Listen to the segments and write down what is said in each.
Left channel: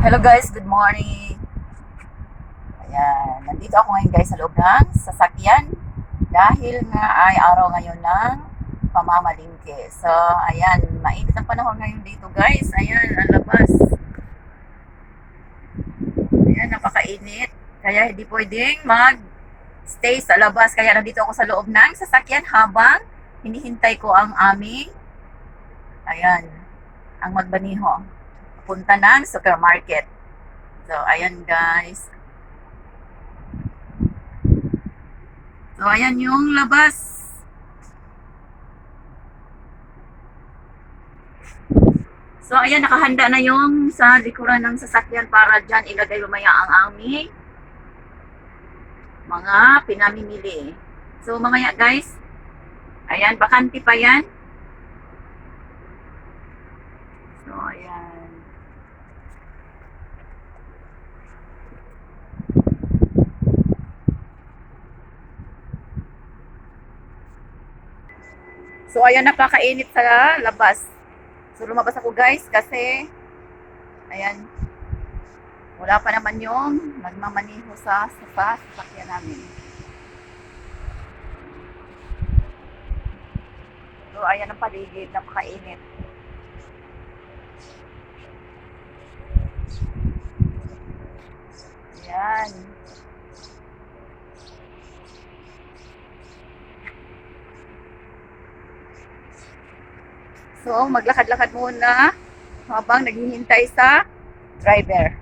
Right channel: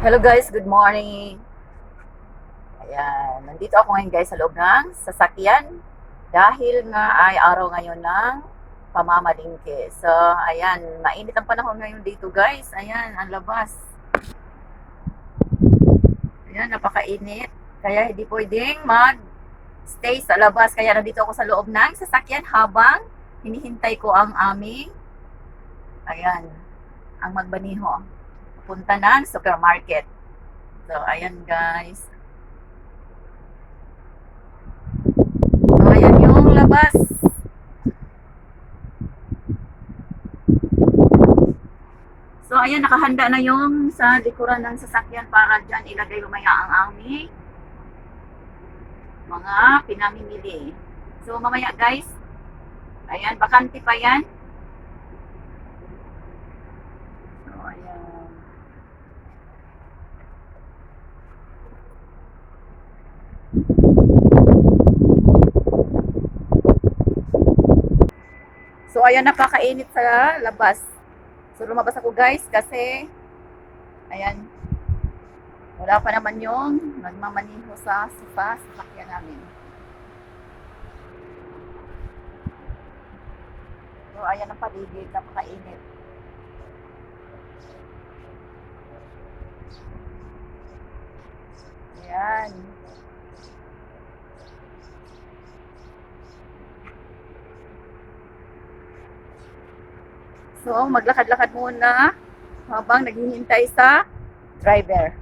Hello guys, good morning. Ayan, nandito ako ngayon guys sa loob ng sasakyan dahil nga ay araw ngayon ng pamamalingke. So, ayan, mainit ang panahon ngayon dito guys. Ayan, ang labas. Ayan, napakainit. Kaya hindi pwedeng mag-stay sa labas. Kaya nandito ako sa loob ng sasakyan habang hinihintay ko ang aming, ayan, ang magbaniho. Punta ng supermarket. So, ayan guys. So, ayan yung labas. So, ayan, nakahanda na yung sa likuran ng sasakyan para dyan ilagay lumaya ang aming mga pinamimili. So, mamaya guys, ayan, bakante pa yan. So, ayan. So, ayan, napakainit sa labas. So, lumabas ako guys kasi, ayan, wala pa naman yung nagmamaniho sa sasakyan namin. So, ayan ang paligid, napakainit. Ayan. So, maglakad-lakad muna habang naghihintay sa driver.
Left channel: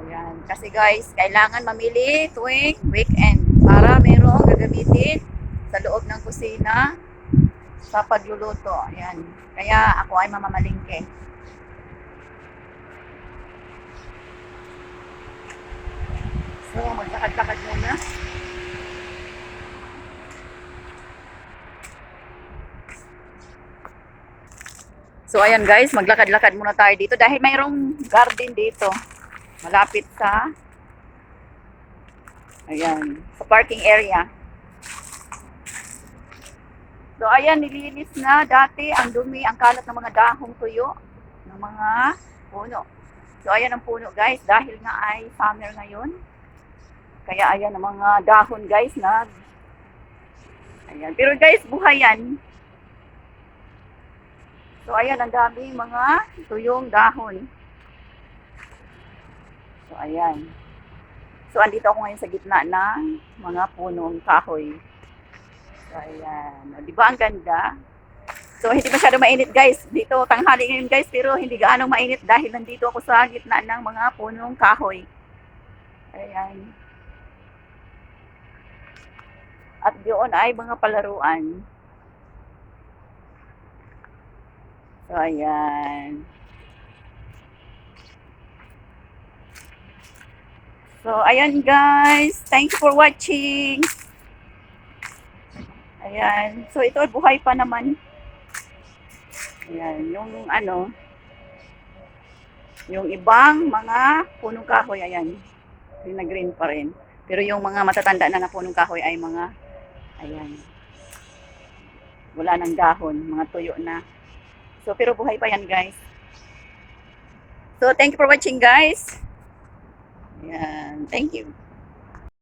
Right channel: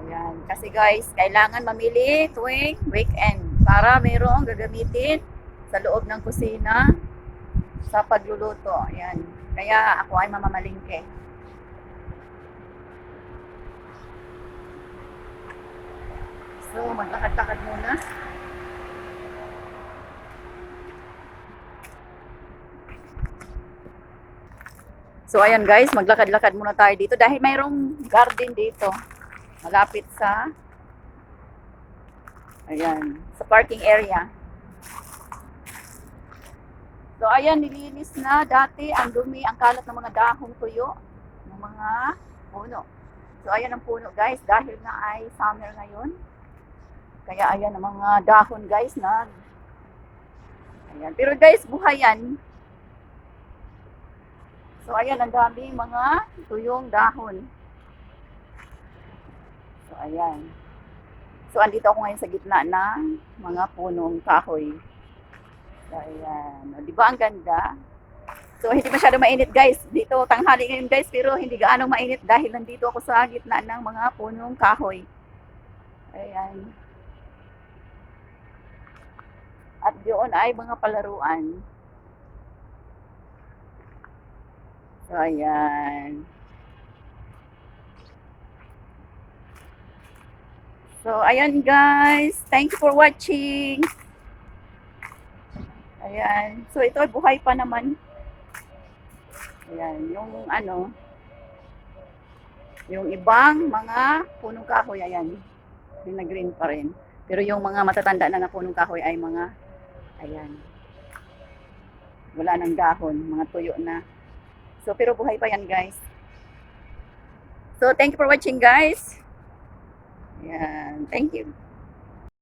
Ayan. Kasi guys, kailangan mamili tuwing weekend para merong gagamitin sa loob ng kusina sa pagluluto. Ayan. Kaya ako ay mamamalingke. So, maglakad-lakad muna. So, ayan guys, maglakad-lakad muna tayo dito dahil mayroong garden dito. Malapit sa, ayan, sa parking area. So, ayan, nilinis na dati ang dumi, ang kalat ng mga dahong tuyo, ng mga puno. So, ayan ang puno guys, dahil nga ay summer ngayon. Kaya ayan ang mga dahon guys na, ayan. Pero guys, buhay yan. So, ayan, ang daming mga tuyong dahon. So, ayan. So, andito ako ngayon sa gitna ng mga punong kahoy. So, ayan. O, di ba ang ganda? So, hindi masyado mainit guys. Dito, tanghali ngayon guys, pero hindi gaano mainit dahil nandito ako sa gitna ng mga punong kahoy. Ayan. At doon ay mga palaruan. So, ayan. So, ayan guys. Thank you for watching. Ayan. So, ito ay buhay pa naman. Ayan. Yung ano, yung ibang mga punong kahoy, ayan. Yung na green pa rin. Pero yung mga matatanda na punong kahoy ay mga, ayan. Wala nang dahon. Mga tuyo na. So, pero buhay pa yan guys. So, thank you for watching guys. Ayan. Thank you.